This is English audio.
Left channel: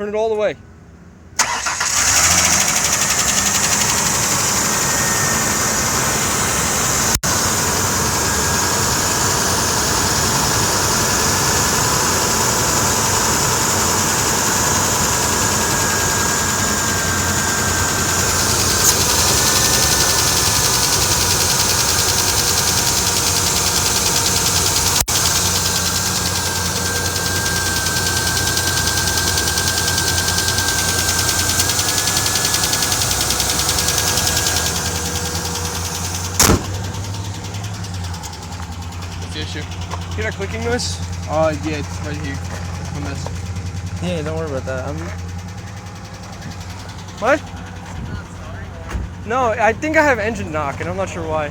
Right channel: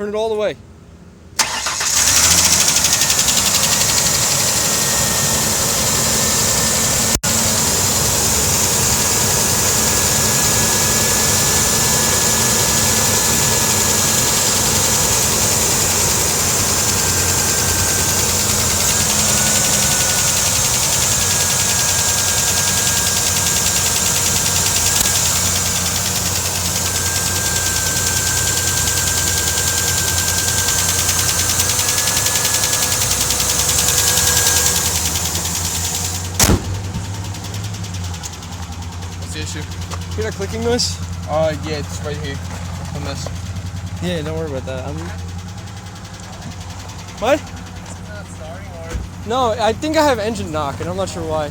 Turn it all the way. Hear that clicking noise? Yeah, it's right here. On this. Yeah, don't worry about that. What? No, I think I have engine knock, and I'm not sure why.